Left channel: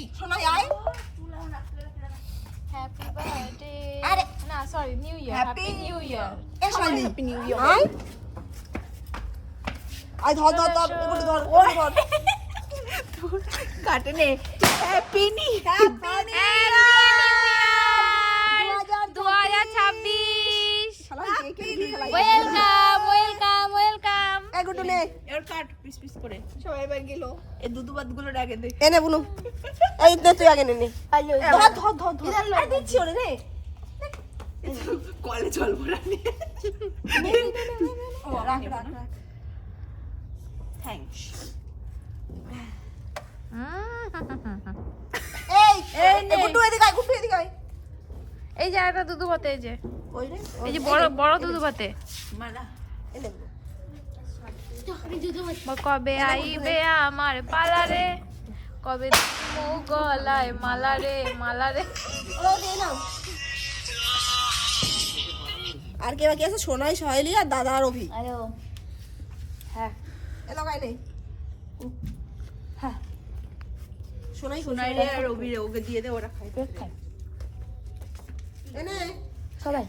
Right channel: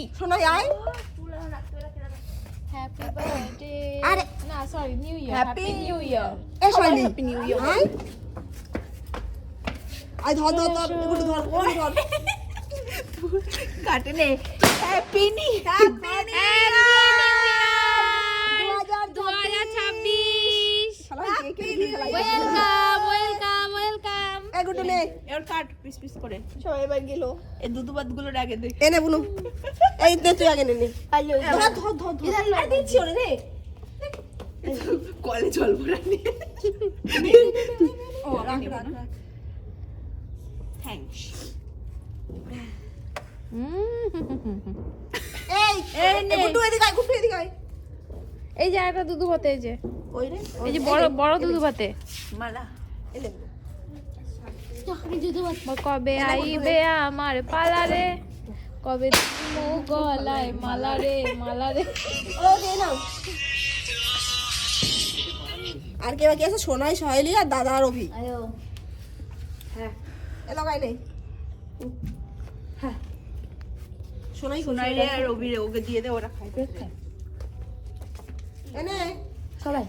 নেই সোনাই আয় happy birthday আরে না sorry new year happy new year এ সোনাই হ্যাপি নিউ ইয়ার আয় আয় ধর ধর ধর এগুলো ধর ধর কাটে নে হ্যাপি নিউ হ্যাপি 2026 শালা কে কে দিয়ে খেলাই ওয়েলকাম এই গুটু নে এর কাট পিস পিস করে সবাই এবার গেল এই দুধুবাদ গুলো আগে দেখ এনে বুনু এই দে তুই আগে নে নে ধর ধর ধর ধর আর দিচ্ছি ওরে রে কলে জল ভরা নিয়ে ও রাখ রাখ রাখ থ্যাঙ্কস এই গুটু এদিকে আয় গুটু এদিকে আয় এই যে একটা দুধু ভাতে এই যে ওই রে এই যে বড় বড় দুধু ভাতে মালা এনে কবে আইবে আমার পালা রে কবে দিবো গলায় মালা রে ও দে নাও আর কে বাকি আছে সোনাই সহেলি আর দাদা আর অভি আয়ো হ্যাঁ এ লাগাই নে হ্যাঁ সোনাই সোনাই রে আর রবি রে ওকে দিয়ে দে ওরা খাই এনে সবাই